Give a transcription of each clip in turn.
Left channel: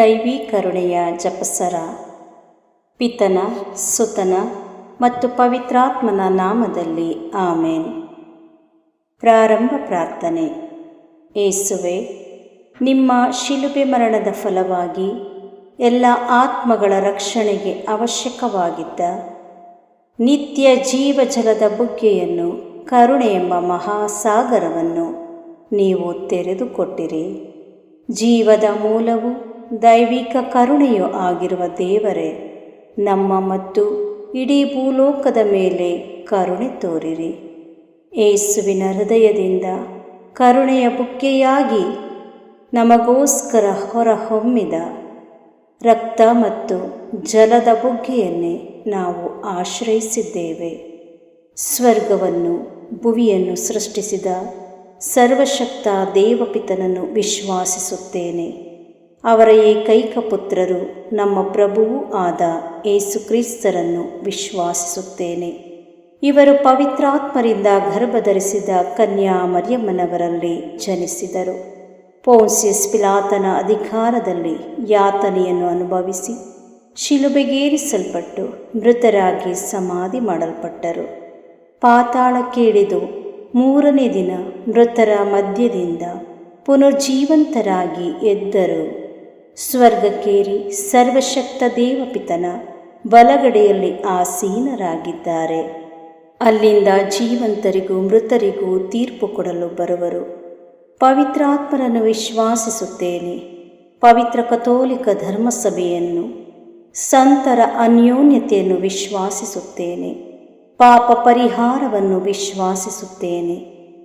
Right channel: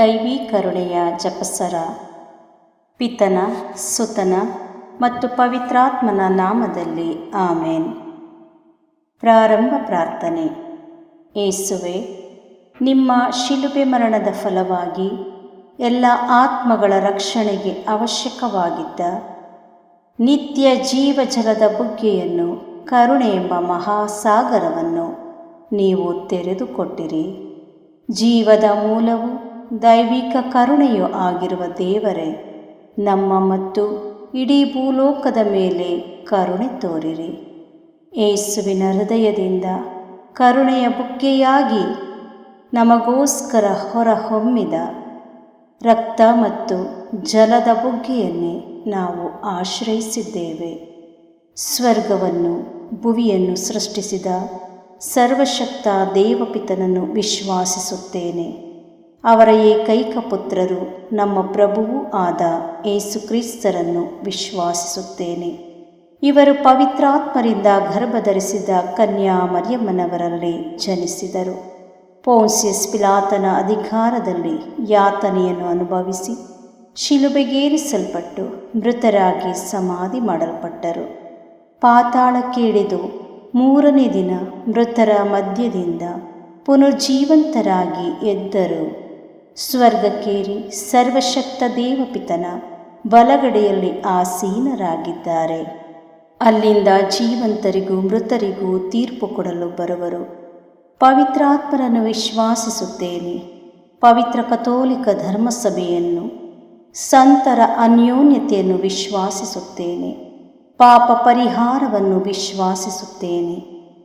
ದೈವಿ ಕರುಣೆಯ ಜಪಸರ. ಪಿತನ, ಸುತನ ಮತ್ತು ಪವಿತ್ರಾತ್ಮನ ನಾಮದಲ್ಲಿ ಆಮೇನ್. ಪ್ರಾರಂಭ ಪ್ರಾರ್ಥನೆ. ಏಸುವೆ, ನಿಮ್ಮ ಶಿಲುಬೆ ಮರಣದ ಫಲವಾಗಿ ಎಲ್ಲ ಆತ್ಮಗಳ ರಕ್ಷಣೆಗೆ ಅವಶ್ಯಕವಾಗಿದ್ದ ನಿತ್ಯ ಜೀವಜಲದ ಬುಗ್ಗೆಯನ್ನು, ಕರುಣೆ ಎಂಬ ಮಹಾಸಾಗರವನ್ನು ನೀವು ತೆರೆದುಕೊಟ್ಟಿರಿ. ಜೀವದ ಮೂಲವು ದೈವಿಕ ಕರುಣೆಯೂ ಆಗಿರುವ ದೇವರೇ, ನಮ್ಮ ಮತ್ತು ಇಡೀ ಭೂಲೋಕದ ಮೇಲೆ ಕರುಣೆ ತೋರಿರಿ. ಏಸುವಿನ ಹೃದಯದಿಂದ ಕರುಣೆಯ ಬುಗ್ಗೆಯಾಗಿ ನಮಗೋಸ್ಕರ ಹೊರಹೊಮ್ಮಿದ ರಕ್ತ ಮತ್ತು ಜಲದ ಬುಗ್ಗೆಯನ್ನೇ ನಾವು ಆಶ್ರಯಿಸಿದ್ದೇವೆ. ಸ್ವರ್ಗವನ್ನು ಭುವಿಯನ್ನು ಸೃಷ್ಟಿಸಿದ ಸರ್ವಶಕ್ತ ದೇವಪಿತನನ್ನು ವಿಶ್ವಾಸಿಸುತ್ತೇನೆ. ಅವರ ಏಕೈಕ ಪುತ್ರರು ನಮ್ಮ ಪ್ರಭುವೂ ಆದ ಏಸುಕ್ರಿಸ್ತರನ್ನು ವಿಶ್ವಾಸಿಸುತ್ತೇನೆ. ಇವರು ಪವಿತ್ರಾತ್ಮರಿಂದ ಗರ್ಭಧರಿಸಿದ ಕನ್ಯಾ ಮರಿಯಮ್ಮನವರಲ್ಲಿ ಜನಿಸಿದರು. ಪೋನ್ಸಿಯಸ್ ಪಿಲಾತನ ಅಧಿಕಾರದಲ್ಲಿ ಯಾತನೆಯನ್ನು ಅನುಭವಿಸಿ ಶಿಲುಬೆಗೇರಿಸಲ್ಪಟ್ಟು ಮೃತರಾಗಿ ಸಮಾಧಿ ಮಾಡಲ್ಪಟ್ಟರು. ಪಾತಾಳಕ್ಕೆ ಇಳಿದು 3ನೇ ದಿನ ಮೃತರ ಮಧ್ಯದಿಂದ ಪುನರ್ಜೀವಂತರಾಗಿ ಎದ್ದರು. ಸ್ವರ್ಗಕ್ಕೇರಿ ಸರ್ವಶಕ್ತ ದೇವಪಿತನ ಬಲಗಡೆಯಲ್ಲಿ ಆಸೀನರಾಗಿದ್ದಾರೆ. ಅಲ್ಲಿಂದ ಜೀವಂತರಿಗೂ ಮೃತರಿಗೂ ತೀರ್ಪು ಕೊಡಲು ಬರುವರು. ಪವಿತ್ರಾತ್ಮರನ್ನು ವಿಶ್ವಾಸಿಸುತ್ತೇನೆ. ಪವಿತ್ರ ಕಥೋಲಿಕ ಧರ್ಮಸಭೆಯನ್ನು, ಸಂತರ ಅನ್ಯೋನ್ಯತೆಯನ್ನು ವಿಶ್ವಾಸಿಸುತ್ತೇನೆ. ಪಾಪ ಪರಿಹಾರವನ್ನು ವಿಶ್ವಾಸಿಸುತ್ತೇನೆ.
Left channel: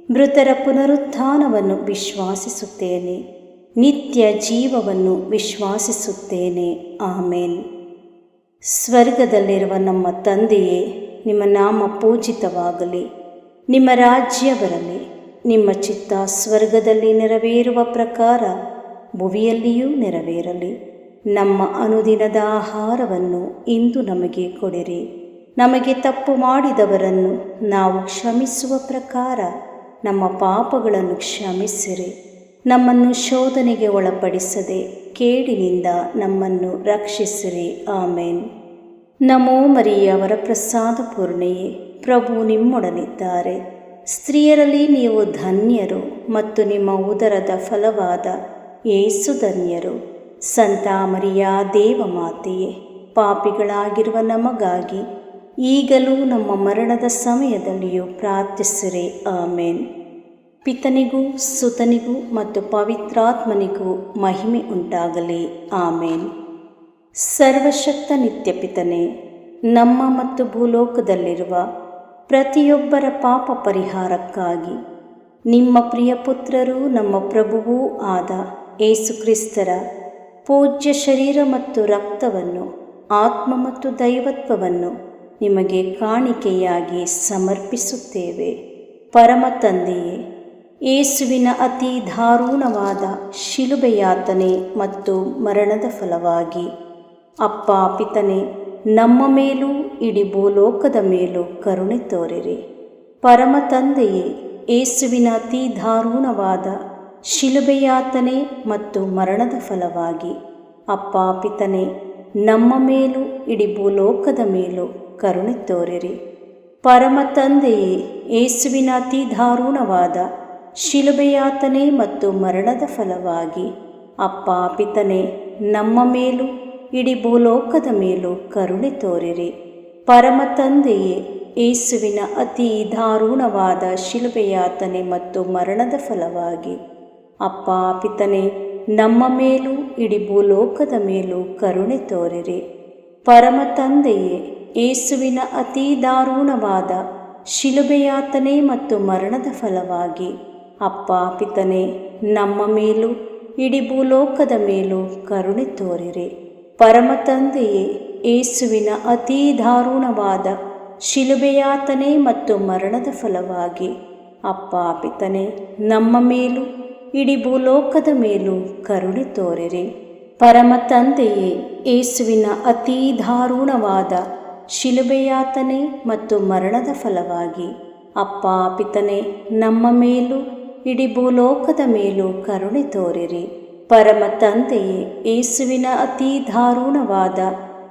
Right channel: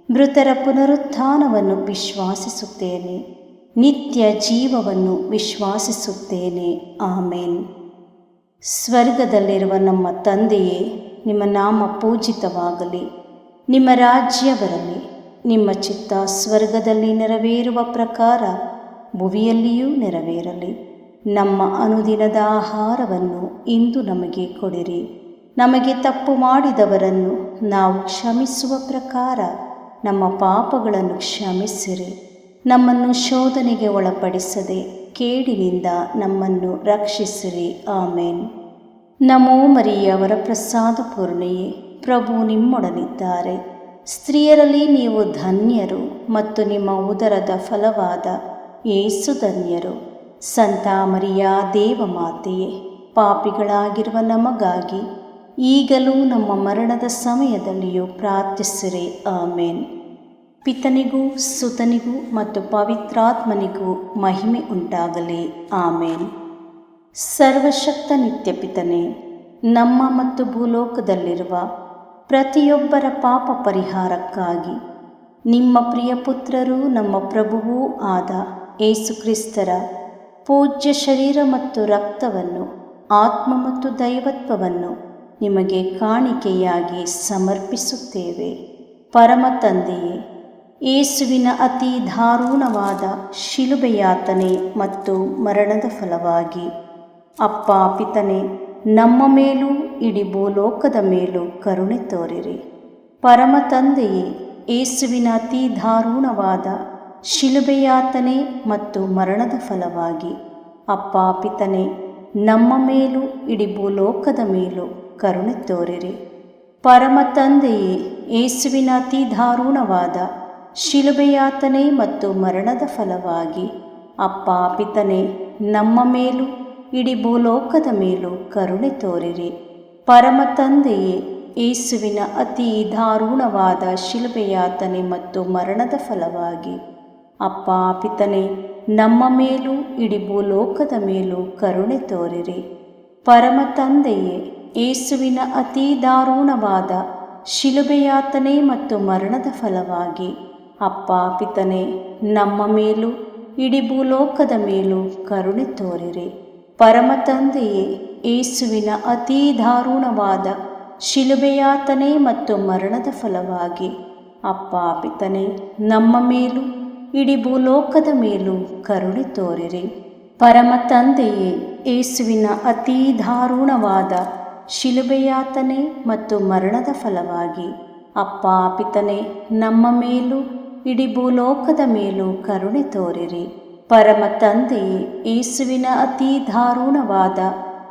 ಮೃತರ ಪುನರುತ್ಥಾನವನ್ನು ವಿಶ್ವಾಸಿಸುತ್ತೇನೆ. ನಿತ್ಯ ಜೀವವನ್ನು ವಿಶ್ವಾಸಿಸುತ್ತೇನೆ. ಆಮೇನ್. ಸ್ವರ್ಗದಲ್ಲಿರುವ ನಮ್ಮ ತಂದೆಯೇ, ನಿಮ್ಮ ನಾಮ ಪೂಜಿತವಾಗಲಿ. ನಿಮ್ಮ ರಾಜ್ಯ ಬರಲಿ. ನಿಮ್ಮ ಚಿತ್ತ ಸ್ವರ್ಗದಲ್ಲಿ ನೆರವೇರುವ ಪ್ರಕಾರ ಭುವಿಯಲ್ಲಿಯೂ ನೆರವೇರಲಿ. ನಮ್ಮ ಅನುದಿನದ ಆಹಾರವನ್ನು ಇಂದು ನಮಗೆ ಕೊಡಿರಿ. ನಮಗೆ ತಪ್ಪು ಮಾಡಿದವರನ್ನು ನಾವು ಕ್ಷಮಿಸುವ ಪ್ರಕಾರ ನಮ್ಮ ಪಾಪಗಳನ್ನು ಕ್ಷಮಿಸಿರಿ. ನಮ್ಮನ್ನು ಶೋಧನೆಗೆ ಒಳಪಡಿಸದೆ ಕೇಡಿನಿಂದ ನಮ್ಮನ್ನು ರಕ್ಷಿಸಿರಿ. ಆಮೇನ್. ನಮೋ ಮರಿಯ ವರಪ್ರಸಾದ ಪೂರ್ಣೆಯೇ, ಪ್ರಭು ನಿಮ್ಮೊಡನಿದ್ದಾರೆ. ಸ್ತ್ರೀಯರಲ್ಲಿ ನೀವು ಧನ್ಯರು ಮತ್ತು ನಿಮ್ಮ ಉದರದ ಫಲವಾದ ಯೇಸು ಧನ್ಯರು. ಸಂತ ಮರಿಯ ದೇವಮಾತೆಯೇ, ಪಾಪಿಗಳಾಗಿರುವ ನಮಗಾಗಿ ಈಗಲೂ ನಮ್ಮ ಮರಣದ ಸಮಯದಲ್ಲಿಯೂ ಪ್ರಾರ್ಥಿಸಿರಿ. ಆಮೇನ್. ಪಿತನಿಗೂ ಸುತನಿಗೂ ಮತ್ತು ಪವಿತ್ರಾತ್ಮನಿಗೂ ಮಹಿಮೆ ಉಂಟಾಗಲಿ. ಆಮೇನ್. ಸರ್ವಶಕ್ತ ನಿತ್ಯ ಪಿತನೇ, ನಮ್ಮ ಮತ್ತು ಭೂಲೋಕದಲ್ಲಿರುವ ಪ್ರತಿಯೊಬ್ಬರ ಪಾಪ ಪರಿಹಾರಕ್ಕಾಗಿ ನಿಮ್ಮ ಪ್ರಿಯ ಪುತ್ರರೂ ನಮ್ಮ ಪ್ರಭುವೂ ಆದ ಏಸುಕ್ರಿಸ್ತರ ಪೂಜ್ಯ ಶರೀರ ಮತ್ತು ರಕ್ತವನ್ನು, ಆತ್ಮ ಮತ್ತು ದೈವತ್ವವನ್ನು ನಿಮಗೆ ಕಾಣಿಕೆಯಾಗಿ ಸಮರ್ಪಿಸುತ್ತೇವೆ. ಪರಮ ತಂದೆಯೇ, ಯೇಸುವಿನ ಅತಿ ದಾರುಣವಾದ ಶಿಲುಬೆಯಾತನೆ ಮತ್ತು ಮರಣದ ಫಲವಾಗಿ ಅಪ್ಪ ಪಿತನೇ, ನಮ್ಮ ಮೇಲೂ ಇಡೀ ಭೂಲೋಕದ ಮೇಲೂ ಕರುಣೆ ತೋರಿರಿ. ಪರಮ ತಂದೆಯೇ, ಯೇಸುವಿನ ಅತಿ ದಾರುಣವಾದ ಶಿಲುಬೆಯಾತನೆ ಮತ್ತು ಮರಣದ ಫಲವಾಗಿ ಅಪ್ಪ ಪಿತನೇ, ನಮ್ಮ ಮೇಲೂ ಇಡೀ ಭೂಲೋಕದ ಮೇಲೂ ಕರುಣೆ ತೋರಿರಿ. ಪರಮ ತಂದೆಯೇ, ಯೇಸುವಿನ ಅತಿ ದಾರುಣವಾದ ಶಿಲುಬೆಯಾತನೆ ಮತ್ತು ಮರಣದ ಫಲವಾಗಿ ಅಪ್ಪ ಪಿತನೇ, ನಮ್ಮ ಮೇಲೂ ಇಡೀ ಭೂಲೋಕದ ಮೇಲೂ ಕರುಣೆ ತೋರಿರಿ. ಪರಮ ತಂದೆಯೇ, ಯೇಸುವಿನ ಅತಿ ದಾರುಣವಾದ ಶಿಲುಬೆಯಾತನೆ ಮತ್ತು ಮರಣದ ಫಲವಾಗಿ ಅಪ್ಪ ಪಿತನೇ, ನಮ್ಮ ಮೇಲೂ ಇಡೀ ಭೂಲೋಕದ ಮೇಲೂ ಕರುಣೆ ತೋರಿರಿ. ಪರಮ ತಂದೆಯೇ, ಯೇಸುವಿನ ಅತಿ ದಾರುಣವಾದ ಶಿಲುಬೆಯಾತನೆ ಮತ್ತು ಮರಣದ ಫಲವಾಗಿ ಅಪ್ಪ ಪಿತನೇ, ನಮ್ಮ ಮೇಲೂ ಇಡೀ ಭೂಲೋಕದ ಮೇಲೂ ಕರುಣೆ ತೋರಿರಿ. ಪರಮ ತಂದೆಯೇ, ಯೇಸುವಿನ ಅತಿ ದಾರುಣವಾದ ಶಿಲುಬೆಯಾತನೆ ಮತ್ತು ಮರಣದ ಫಲವಾಗಿ ಅಪ್ಪ ಪಿತನೇ, ನಮ್ಮ ಮೇಲೂ ಇಡೀ ಭೂಲೋಕದ ಮೇಲೂ ಕರುಣೆ ತೋರಿರಿ. ಪರಮ ತಂದೆಯೇ, ಯೇಸುವಿನ ಅತಿ ದಾರುಣವಾದ ಶಿಲುಬೆಯಾತನೆ ಮತ್ತು ಮರಣದ ಫಲವಾಗಿ ಅಪ್ಪ ಪಿತನೇ, ನಮ್ಮ ಮೇಲೂ ಇಡೀ ಭೂಲೋಕದ ಮೇಲೂ ಕರುಣೆ ತೋರಿರಿ. ಪರಮ ತಂದೆಯೇ, ಯೇಸುವಿನ ಅತಿ ದಾರುಣವಾದ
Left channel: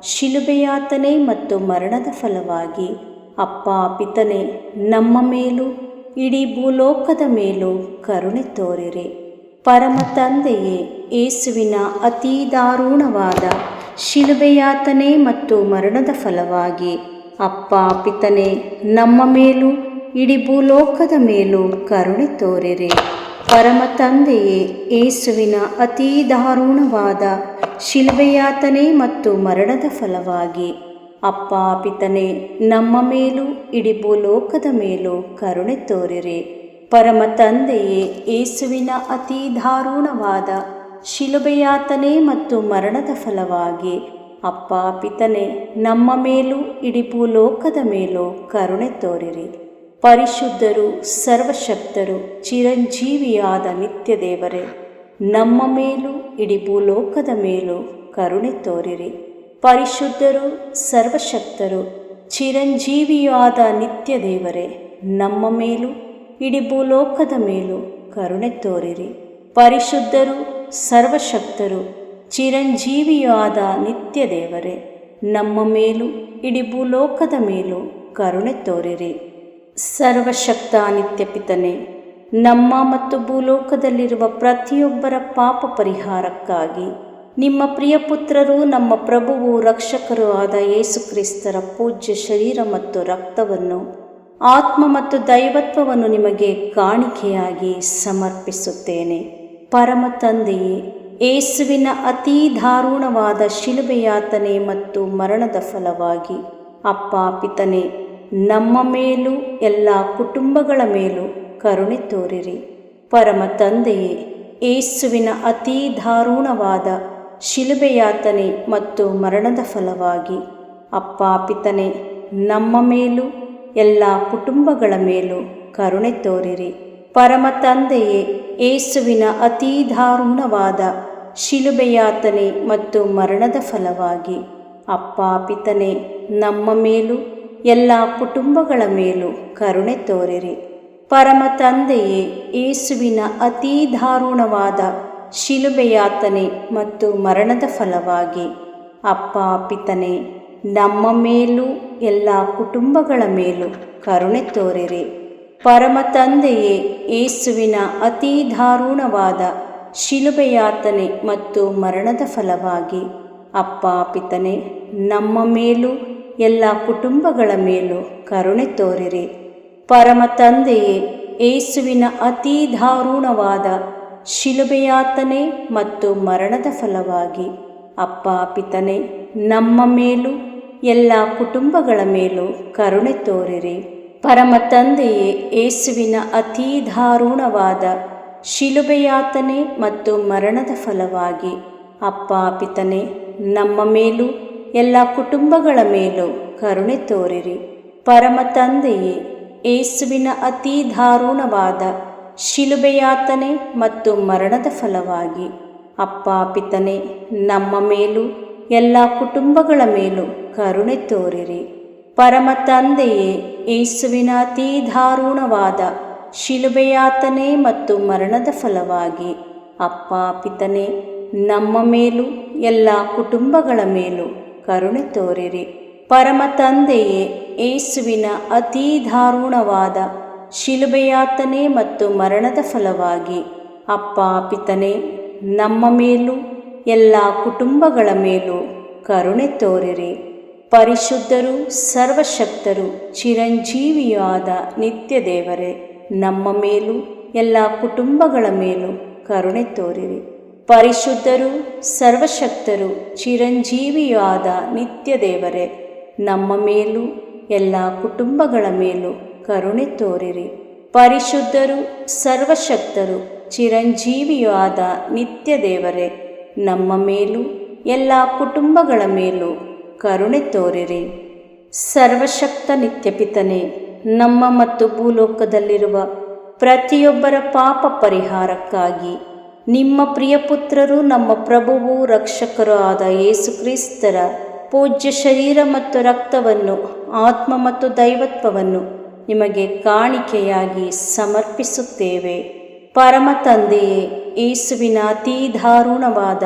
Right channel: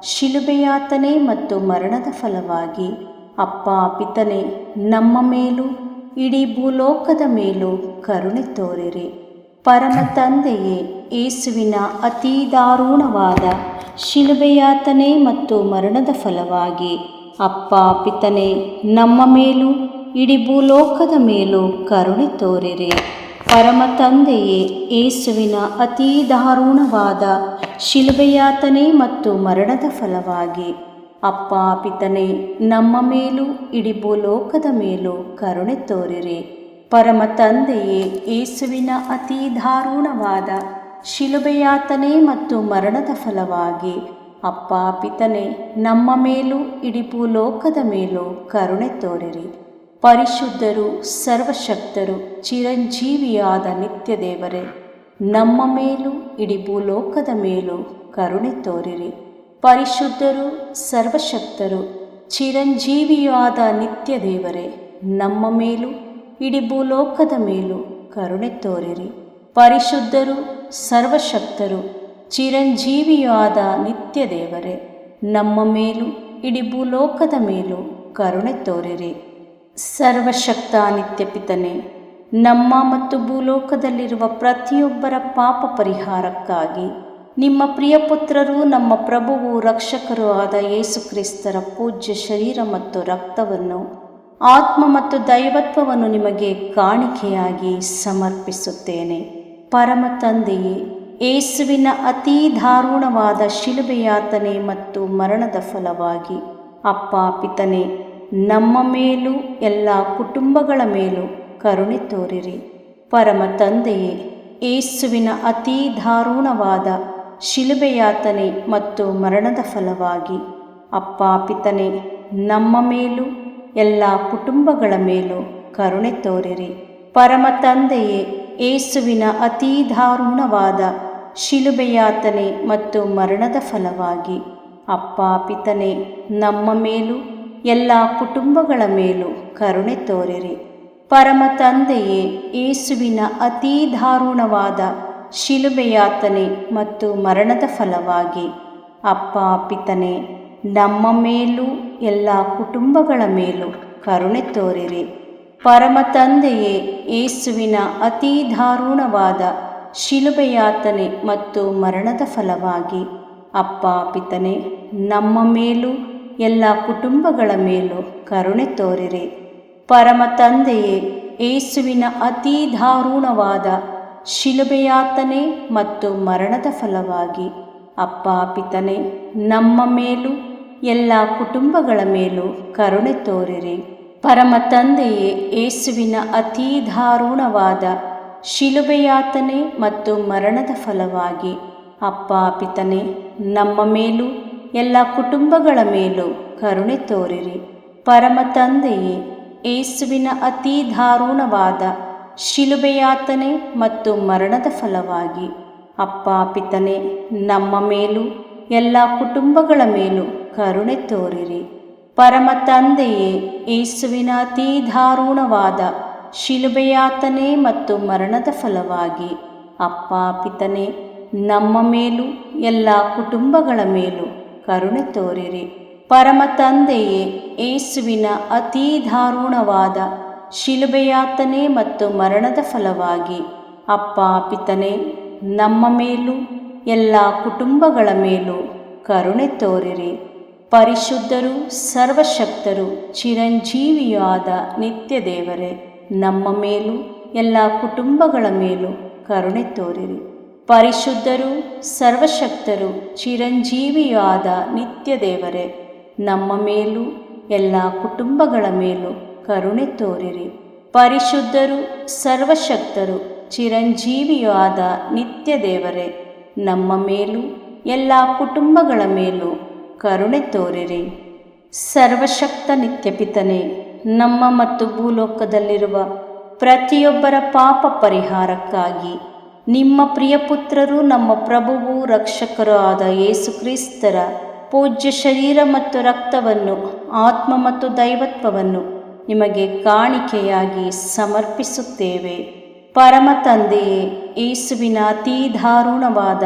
ಶಿಲುಬೆಯಾತನೆ ಮತ್ತು ಮರಣದ ಫಲವಾಗಿ ಅಪ್ಪ ಪಿತನೇ, ನಮ್ಮ ಮೇಲೂ ಇಡೀ ಭೂಲೋಕದ ಮೇಲೂ ಕರುಣೆ ತೋರಿರಿ. ಪರಮ ತಂದೆಯೇ, ಯೇಸುವಿನ ಅತಿ ದಾರುಣವಾದ ಶಿಲುಬೆಯಾತನೆ ಮತ್ತು ಮರಣದ ಫಲವಾಗಿ ಅಪ್ಪ ಪಿತನೇ, ನಮ್ಮ ಮೇಲೂ ಇಡೀ ಭೂಲೋಕದ ಮೇಲೂ ಕರುಣೆ ತೋರಿರಿ. ಪರಮ ತಂದೆಯೇ, ಯೇಸುವಿನ ಅತಿ ದಾರುಣವಾದ ಶಿಲುಬೆಯಾತನೆ ಮತ್ತು ಮರಣದ ಫಲವಾಗಿ ಅಪ್ಪ ಪಿತನೇ, ನಮ್ಮ ಮೇಲೂ ಇಡೀ ಭೂಲೋಕದ ಮೇಲೂ ಕರುಣೆ ತೋರಿರಿ. ಪರಮ ತಂದೆಯೇ, ಯೇಸುವಿನ ಅತಿ ದಾರುಣವಾದ ಶಿಲುಬೆಯಾತನೆ ಮತ್ತು ಮರಣದ ಫಲವಾಗಿ ಅಪ್ಪ ಪಿತನೇ, ನಮ್ಮ ಮೇಲೂ ಇಡೀ ಭೂಲೋಕದ ಮೇಲೂ ಕರುಣೆ ತೋರಿರಿ. ಪರಿಶುದ್ಧರು, ಸರ್ವಶಕ್ತರು, ಚಿರಂಜೀವಿಯಾದ ನಿತ್ಯ ದೇವರೇ, ನಮ್ಮ ಮೇಲೂ ಇಡೀ ಭೂಲೋಕದ ಮೇಲೂ ಕರುಣೆ ತೋರಿರಿ. ಪರಿಶುದ್ಧರು, ಸರ್ವಶಕ್ತರು, ಚಿರಂಜೀವಿಯಾದ ನಿತ್ಯ ದೇವರೇ, ನಮ್ಮ ಮೇಲೂ ಇಡೀ ಭೂಲೋಕದ ಮೇಲೂ ಕರುಣೆ ತೋರಿರಿ. ಪರಿಶುದ್ಧರು, ಸರ್ವಶಕ್ತರು, ಚಿರಂಜೀವಿಯಾದ ನಿತ್ಯ ದೇವರೇ, ನಮ್ಮ ಮೇಲೂ ಇಡೀ ಭೂಲೋಕದ ಮೇಲೂ ಕರುಣೆ ತೋರಿರಿ. ಸರ್ವಶಕ್ತ ನಿತ್ಯ ಪಿತನೇ, ನಮ್ಮ ಮತ್ತು ಭೂಲೋಕದಲ್ಲಿರುವ ಪ್ರತಿಯೊಬ್ಬರ ಪಾಪ ಪರಿಹಾರಕ್ಕಾಗಿ ನಿಮ್ಮ ಪ್ರಿಯಪುತ್ರರು, ನಮ್ಮ ಪ್ರಭುವು ರಕ್ಷಕರೂ ಆದ ಯೇಸು ಕ್ರಿಸ್ತರ ಪೂಜ್ಯ ಶರೀರ ಮತ್ತು ರಕ್ತವನ್ನು, ಆತ್ಮ ಮತ್ತು ದೈವತ್ವವನ್ನು ನಿಮಗೆ ಕಾಣಿಕೆಯಾಗಿ ಸಮರ್ಪಿಸುತ್ತೇನೆ. ಪರಮ ತಂದೆಯೇ, ಯೇಸುವಿನ ಅತಿ ದಾರುಣವಾದ ಶಿಲುಬೆಯಾತನೆ ಮತ್ತು ಮರಣದ ಫಲವಾಗಿ ಅಪ್ಪ ಪಿತನೇ, ನಮ್ಮ ಮೇಲೂ ಎಲ್ಲ ಕುಟುಂಬಗಳ ಮೇಲೂ ಕರುಣೆ ತೋರಿರಿ. ಪರಮ ತಂದೆಯೇ, ಯೇಸುವಿನ ಅತಿ ದಾರುಣವಾದ ಶಿಲುಬೆಯಾತನೆ ಮತ್ತು ಮರಣದ ಫಲವಾಗಿ ಅಪ್ಪ ಪಿತನೇ, ನಮ್ಮ ಮೇಲೂ ಎಲ್ಲ ಕುಟುಂಬಗಳ ಮೇಲೂ ಕರುಣೆ ತೋರಿರಿ. ಪರಮ ತಂದೆಯೇ, ಯೇಸುವಿನ ಅತಿ ದಾರುಣವಾದ ಶಿಲುಬೆಯಾತನೆ ಮತ್ತು ಮರಣದ ಫಲವಾಗಿ ಅಪ್ಪ ಪಿತನೇ, ನಮ್ಮ ಮೇಲೂ ಎಲ್ಲ ಕುಟುಂಬಗಳ ಮೇಲೂ ಕರುಣೆ ತೋರಿರಿ. ಪರಮ ತಂದೆಯೇ, ಯೇಸುವಿನ ಅತಿ ದಾರುಣವಾದ ಶಿಲುಬೆಯಾತನೆ ಮತ್ತು ಮರಣದ ಫಲವಾಗಿ ಅಪ್ಪ ಪಿತನೇ, ನಮ್ಮ ಮೇಲೂ ಎಲ್ಲ ಕುಟುಂಬಗಳ ಮೇಲೂ ಕರುಣೆ ತೋರಿರಿ. ಪರಮ ತಂದೆಯೇ, ಯೇಸುವಿನ ಅತಿ ದಾರುಣವಾದ ಶಿಲುಬೆಯಾತನೆ ಮತ್ತು ಮರಣದ ಫಲವಾಗಿ ಅಪ್ಪ ಪಿತನೇ, ನಮ್ಮ ಮೇಲೂ ಎಲ್ಲ ಕುಟುಂಬಗಳ ಮೇಲೂ ಕರುಣೆ ತೋರಿರಿ. ಪರಮ ತಂದೆಯೇ, ಯೇಸುವಿನ ಅತಿ ದಾರುಣವಾದ ಶಿಲುಬೆಯಾತನೆ ಮತ್ತು ಮರಣದ ಫಲವಾಗಿ ಅಪ್ಪ ಪಿತನೇ, ನಮ್ಮ ಮೇಲೂ ಎಲ್ಲ ಕುಟುಂಬಗಳ ಮೇಲೂ ಕರುಣೆ ತೋರಿರಿ. ಪರಮ ತಂದೆಯೇ, ಯೇಸುವಿನ ಅತಿ ದಾರುಣವಾದ ಶಿಲುಬೆಯಾತನೆ ಮತ್ತು ಮರಣದ ಫಲವಾಗಿ ಅಪ್ಪ ಪಿತನೇ, ನಮ್ಮ ಮೇಲೂ ಎಲ್ಲ ಕುಟುಂಬಗಳ ಮೇಲೂ ಕರುಣೆ ತೋರಿರಿ. ಪರಮ ತಂದೆಯೇ, ಯೇಸುವಿನ ಅತಿ ದಾರುಣವಾದ ಶಿಲುಬೆಯಾತನೆ ಮತ್ತು ಮರಣದ ಫಲವಾಗಿ ಅಪ್ಪ ಪಿತನೇ, ನಮ್ಮ ಮೇಲೂ ಎಲ್ಲ ಕುಟುಂಬಗಳ ಮೇಲೂ ಕರುಣೆ ತೋರಿರಿ. ಪರಮ ತಂದೆಯೇ, ಯೇಸುವಿನ ಅತಿ ದಾರುಣವಾದ ಶಿಲುಬೆಯಾತನೆ ಮತ್ತು ಮರಣದ ಫಲವಾಗಿ ಅಪ್ಪ ಪಿತನೇ, ನಮ್ಮ ಮೇಲೂ ಎಲ್ಲ ಕುಟುಂಬಗಳ ಮೇಲೂ ಕರುಣೆ ತೋರಿರಿ. ಪರಮ ತಂದೆಯೇ, ಯೇಸುವಿನ ಅತಿ ದಾರುಣವಾದ ಶಿಲುಬೆಯಾತನೆ ಮತ್ತು ಮರಣದ ಫಲವಾಗಿ ಅಪ್ಪ ಪಿತನೇ, ನಮ್ಮ ಮೇಲೂ ಎಲ್ಲ ಕುಟುಂಬಗಳ ಮೇಲೂ ಕರುಣೆ ತೋರಿರಿ. ಪರಿಶುದ್ಧರು, ಸರ್ವಶಕ್ತರು, ಚಿರಂಜೀವಿಯಾದ ನಿತ್ಯ ದೇವರೇ, ನಮ್ಮ ಮೇಲೂ ಎಲ್ಲ ಕುಟುಂಬಗಳ ಮೇಲೂ ಕರುಣೆ ತೋರಿರಿ. ಪರಿಶುದ್ಧರು, ಸರ್ವಶಕ್ತರು, ಚಿರಂಜೀವಿಯಾದ ನಿತ್ಯ ದೇವರೇ, ನಮ್ಮ ಮೇಲೂ ಎಲ್ಲ ಕುಟುಂಬಗಳ ಮೇಲೂ ಕರುಣೆ ತೋರಿರಿ. ಪರಿಶುದ್ಧರು, ಸರ್ವಶಕ್ತರು, ಚಿರಂಜೀವಿಯಾದ ನಿತ್ಯ ದೇವರೇ, ನಮ್ಮ ಮೇಲೂ ಎಲ್ಲ ಕುಟುಂಬಗಳ ಮೇಲೂ ಕರುಣೆ ತೋರಿರಿ. ಸರ್ವಶಕ್ತ ನಿತ್ಯ ಪಿತನೇ, ನಮ್ಮ ಮತ್ತು ಭೂಲೋಕದಲ್ಲಿರುವ ಪ್ರತಿಯೊಬ್ಬರ ಪಾಪ ಪರಿಹಾರಕ್ಕಾಗಿ ನಿಮ್ಮ ಪ್ರಿಯಪುತ್ರರು, ನಮ್ಮ ಪ್ರಭುವು ರಕ್ಷಕರೂ ಆದ ಯೇಸು ಕ್ರಿಸ್ತರ ಪೂಜ್ಯ ಶರೀರ ಮತ್ತು ರಕ್ತವನ್ನು, ಆತ್ಮ ಮತ್ತು ದೈವತ್ವವನ್ನು ನಿಮಗೆ ಕಾಣಿಕೆಯಾಗಿ ಸಮರ್ಪಿಸುತ್ತೇವೆ. ಪರಮ ತಂದೆಯೇ, ಯೇಸುವಿನ ಅತೀ ದಾರುಣವಾದ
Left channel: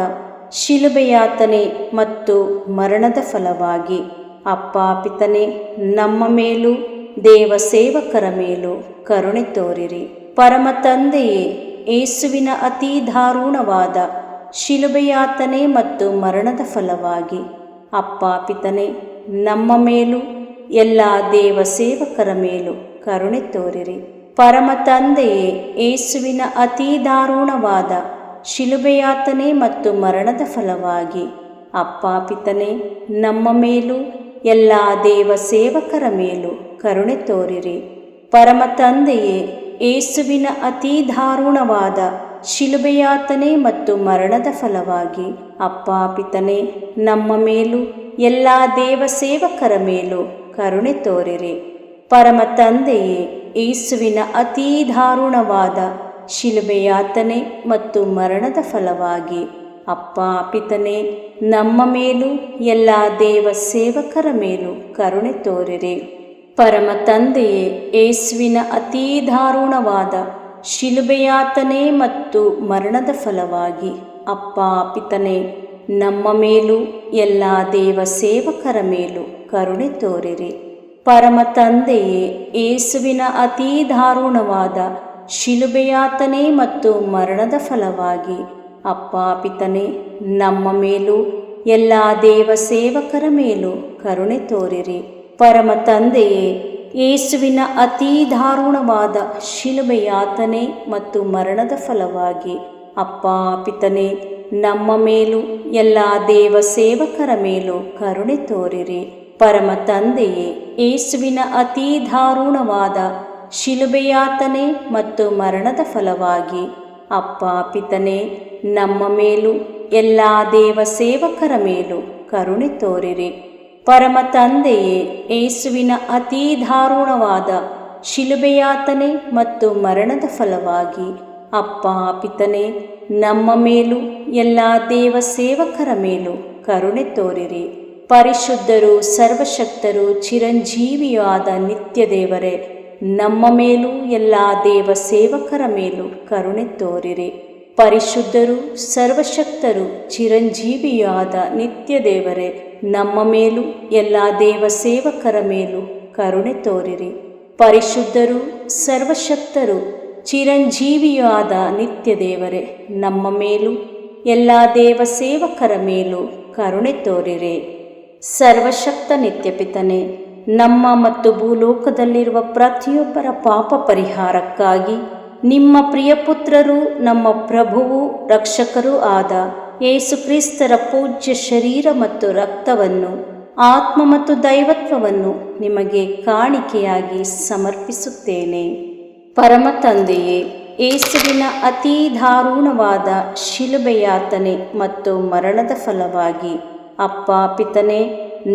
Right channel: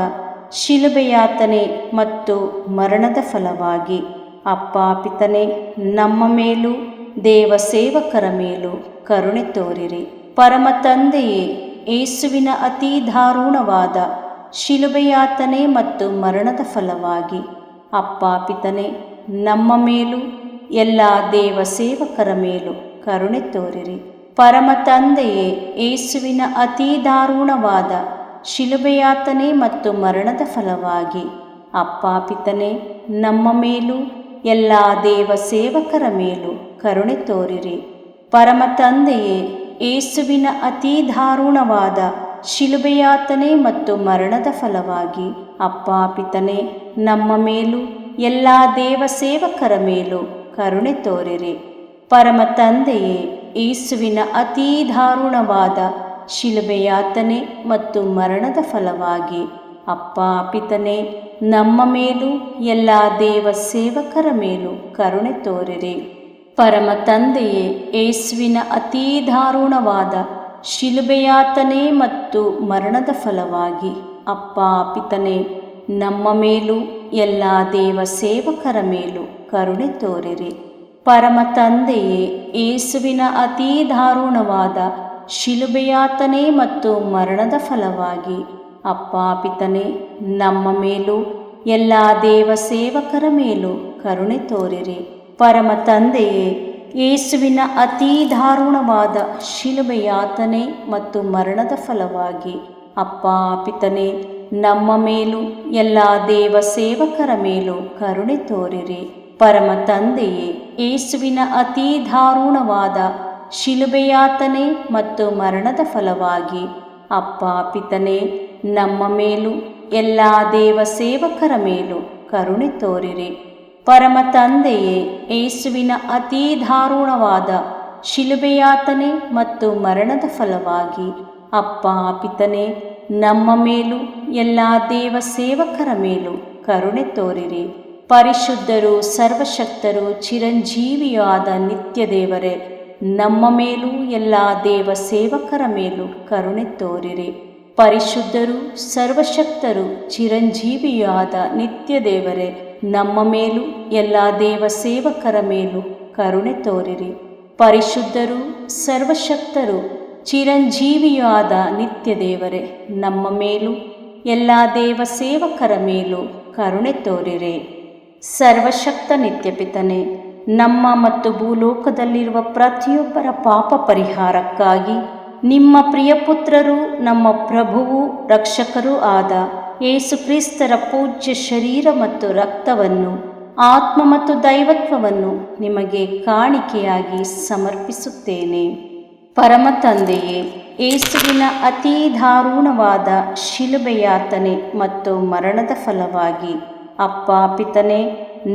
ಶಿಲುಬೆಯಾತನೆ ಮತ್ತು ಮರಣದ ಫಲವಾಗಿ ಅಪ್ಪ ಪಿತನೇ, ನಮ್ಮ ಮೇಲೂ ದೇವ ಸೇವಕರ ಮೇಲೂ ಕರುಣೆ ತೋರಿರಿ. ಪರಮ ತಂದೆಯೇ, ಯೇಸುವಿನ ಅತೀ ದಾರುಣವಾದ ಶಿಲುಬೆಯಾತನೆ ಮತ್ತು ಮರಣದ ಫಲವಾಗಿ ಅಪ್ಪ ಪಿತನೇ, ನಮ್ಮ ಮೇಲೂ ಎಲ್ಲ ದೇವ ಸೇವಕರ ಮೇಲೂ ಕರುಣೆ ತೋರಿರಿ. ಪರಮ ತಂದೆಯೇ, ಯೇಸುವಿನ ಅತೀ ದಾರುಣವಾದ ಶಿಲುಬೆಯಾತನೆ ಮತ್ತು ಮರಣದ ಫಲವಾಗಿ ಅಪ್ಪ ಪಿತನೇ, ನಮ್ಮ ಮೇಲೂ ಎಲ್ಲ ದೇವ ಸೇವಕರ ಮೇಲೂ ಕರುಣೆ ತೋರಿರಿ. ಪರಮ ತಂದೆಯೇ, ಯೇಸುವಿನ ಅತೀ ದಾರುಣವಾದ ಶಿಲುಬೆಯಾತನೆ ಮತ್ತು ಮರಣದ ಫಲವಾಗಿ ಅಪ್ಪ ಪಿತನೇ, ನಮ್ಮ ಮೇಲೂ ಎಲ್ಲ ದೇವ ಸೇವಕರ ಮೇಲೂ ಕರುಣೆ ತೋರಿರಿ. ಪರಮ ತಂದೆಯೇ, ಯೇಸುವಿನ ಅತೀ ದಾರುಣವಾದ ಶಿಲುಬೆಯಾತನೆ ಮತ್ತು ಮರಣದ ಫಲವಾಗಿ ಅಪ್ಪ ಪಿತನೇ, ನಮ್ಮ ಮೇಲೂ ಎಲ್ಲ ದೇವ ಸೇವಕರ ಮೇಲೂ ಕರುಣೆ ತೋರಿರಿ. ಪರಮ ತಂದೆಯೇ, ಯೇಸುವಿನ ಅತೀ ದಾರುಣವಾದ ಶಿಲುಬೆಯಾತನೆ ಮತ್ತು ಮರಣದ ಫಲವಾಗಿ ಅಪ್ಪ ಪಿತನೇ, ನಮ್ಮ ಮೇಲೂ ಎಲ್ಲ ದೇವ ಸೇವಕರ ಮೇಲೂ ಕರುಣೆ ತೋರಿರಿ. ಪರಮ ತಂದೆಯೇ, ಯೇಸುವಿನ ಅತೀ ದಾರುಣವಾದ ಶಿಲುಬೆಯಾತನೆ ಮತ್ತು ಮರಣದ ಫಲವಾಗಿ ಅಪ್ಪ ಪಿತನೇ, ನಮ್ಮ ಮೇಲೂ ಎಲ್ಲ ದೇವ ಸೇವಕರ ಮೇಲೂ ಕರುಣೆ ತೋರಿರಿ. ಪರಮ ತಂದೆಯೇ, ಯೇಸುವಿನ ಅತೀ ದಾರುಣವಾದ ಶಿಲುಬೆಯಾತನೆ ಮತ್ತು ಮರಣದ ಫಲವಾಗಿ ಅಪ್ಪ ಪಿತನೇ, ನಮ್ಮ ಮೇಲೂ ಎಲ್ಲ ದೇವ ಸೇವಕರ ಮೇಲೂ ಕರುಣೆ ತೋರಿರಿ. ಪರಮ ತಂದೆಯೇ, ಯೇಸುವಿನ ಅತೀ ದಾರುಣವಾದ ಶಿಲುಬೆಯಾತನೆ ಮತ್ತು ಮರಣದ ಫಲವಾಗಿ ಅಪ್ಪ ಪಿತನೇ, ನಮ್ಮ ಮೇಲೂ ಎಲ್ಲ ದೇವ ಸೇವಕರ ಮೇಲೂ ಕರುಣೆ ತೋರಿರಿ. ಪರಮ ತಂದೆಯೇ, ಯೇಸುವಿನ ಅತೀ ದಾರುಣವಾದ ಶಿಲುಬೆಯಾತನೆ ಮತ್ತು ಮರಣದ ಫಲವಾಗಿ ಅಪ್ಪ ಪಿತನೇ, ನಮ್ಮ ಮೇಲೂ ಎಲ್ಲ ದೇವ ಸೇವಕರ ಮೇಲೂ ಕರುಣೆ ತೋರಿರಿ. ಪರಿಶುದ್ಧರು, ಸರ್ವಶಕ್ತರು, ಚಿರಂಜೀವಿಯೂ ಆದ ನಿತ್ಯ ದೇವರೇ, ನಮ್ಮ ಮೇಲೂ ಎಲ್ಲ ದೇವ ಸೇವಕರ ಮೇಲೂ ಕರುಣೆ ತೋರಿರಿ. ಪರಿಶುದ್ಧರು, ಸರ್ವಶಕ್ತರು, ಚಿರಂಜೀವಿಯೂ ಆದ ನಿತ್ಯ ದೇವರೇ, ನಮ್ಮ ಮೇಲೂ ಎಲ್ಲ ದೇವ ಸೇವಕರ ಮೇಲೂ ಕರುಣೆ ತೋರಿರಿ. ಪರಿಶುದ್ಧರು, ಸರ್ವಶಕ್ತರು, ಚಿರಂಜೀವಿಯೂ ಆದ ನಿತ್ಯ ದೇವರೇ, ನಮ್ಮ ಮೇಲೂ ಎಲ್ಲ ದೇವ ಸೇವಕರ ಮೇಲೂ ಕರುಣೆ ತೋರಿರಿ. ಸರ್ವಶಕ್ತ ನಿತ್ಯಪಿತನೇ, ನಮ್ಮ ಮತ್ತು ಭೂಲೋಕದಲ್ಲಿರುವ ಪ್ರತಿಯೊಬ್ಬರ ಪಾಪ ಪರಿಹಾರಕ್ಕಾಗಿ ನಿಮ್ಮ ಪ್ರಿಯಪುತ್ರರು, ನಮ್ಮ ಪ್ರಭುವೂ ರಕ್ಷಕರೂ ಆದ ಯೇಸು ಕ್ರಿಸ್ತರ ಪೂಜ್ಯ ಶರೀರ ಮತ್ತು ರಕ್ತವನ್ನು, ಆತ್ಮ ಮತ್ತು ದೈವತ್ವವನ್ನು ನಿಮಗೆ ಕಾಣಿಕೆಯಾಗಿ ಸಮರ್ಪಿಸುತ್ತೇನೆ. ಪರಮ ತಂದೆಯೇ, ಯೇಸುವಿನ ಅತೀ ದಾರುಣವಾದ ಶಿಲುಬೆಯಾತನೆ ಮತ್ತು ಮರಣದ ಫಲವಾಗಿ ಅಪ್ಪ ಪಿತನೇ,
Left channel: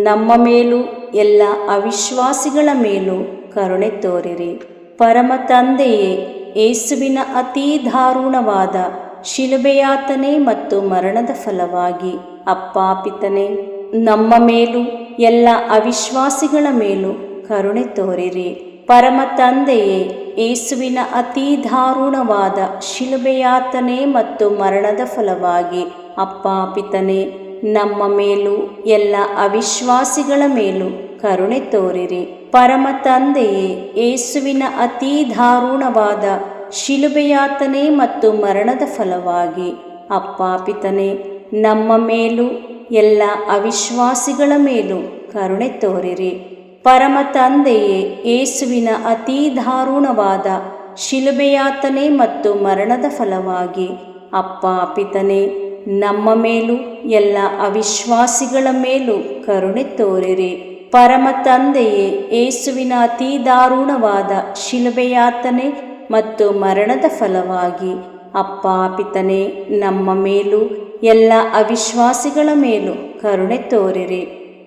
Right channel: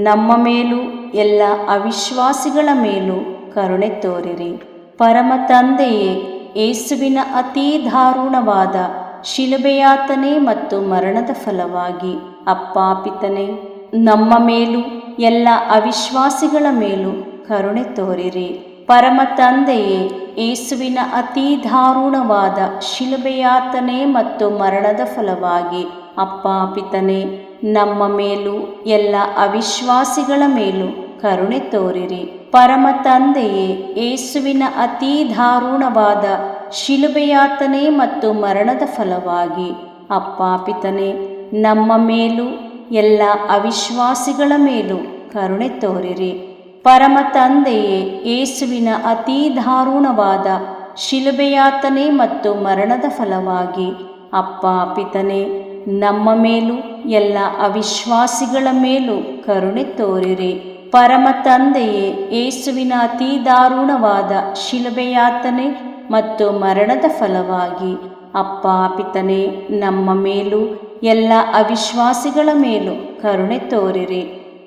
ನಮ್ಮ ಮೇಲೂ ಎಲ್ಲ ಅವಿಶ್ವಾಸಿಗಳ ಮೇಲೂ ಕರುಣೆ ತೋರಿರಿ. ಪರಮ ತಂದೆಯೇ, ಯೇಸುವಿನ ಅತೀ ದಾರುಣವಾದ ಶಿಲುಬೆಯಾತನೆ ಮತ್ತು ಮರಣದ ಫಲವಾಗಿ ಅಪ್ಪ ಪಿತನೇ, ನಮ್ಮ ಮೇಲೂ ಎಲ್ಲ ಅವಿಶ್ವಾಸಿಗಳ ಮೇಲೂ ಕರುಣೆ ತೋರಿರಿ. ಪರಮ ತಂದೆಯೇ, ಯೇಸುವಿನ ಅತೀ ದಾರುಣವಾದ ಶಿಲುಬೆಯಾತನೆ ಮತ್ತು ಮರಣದ ಫಲವಾಗಿ ಅಪ್ಪ ಪಿತನೇ, ನಮ್ಮ ಮೇಲೂ ಎಲ್ಲ ಅವಿಶ್ವಾಸಿಗಳ ಮೇಲೂ ಕರುಣೆ ತೋರಿರಿ. ಪರಮ ತಂದೆಯೇ, ಯೇಸುವಿನ ಅತೀ ದಾರುಣವಾದ ಶಿಲುಬೆಯಾತನೆ ಮತ್ತು ಮರಣದ ಫಲವಾಗಿ ಅಪ್ಪ ಪಿತನೇ, ನಮ್ಮ ಮೇಲೂ ಎಲ್ಲ ಅವಿಶ್ವಾಸಿಗಳ ಮೇಲೂ ಕರುಣೆ ತೋರಿರಿ. ಪರಮ ತಂದೆಯೇ, ಯೇಸುವಿನ ಅತೀ ದಾರುಣವಾದ ಶಿಲುಬೆಯಾತನೆ ಮತ್ತು ಮರಣದ ಫಲವಾಗಿ ಅಪ್ಪ ಪಿತನೇ, ನಮ್ಮ ಮೇಲೂ ಎಲ್ಲ ಅವಿಶ್ವಾಸಿಗಳ ಮೇಲೂ ಕರುಣೆ ತೋರಿರಿ. ಪರಮ ತಂದೆಯೇ, ಯೇಸುವಿನ ಅತೀ ದಾರುಣವಾದ ಶಿಲುಬೆಯಾತನೆ ಮತ್ತು ಮರಣದ ಫಲವಾಗಿ ಅಪ್ಪ ಪಿತನೇ, ನಮ್ಮ ಮೇಲೂ ಎಲ್ಲ ಅವಿಶ್ವಾಸಿಗಳ ಮೇಲೂ ಕರುಣೆ ತೋರಿರಿ.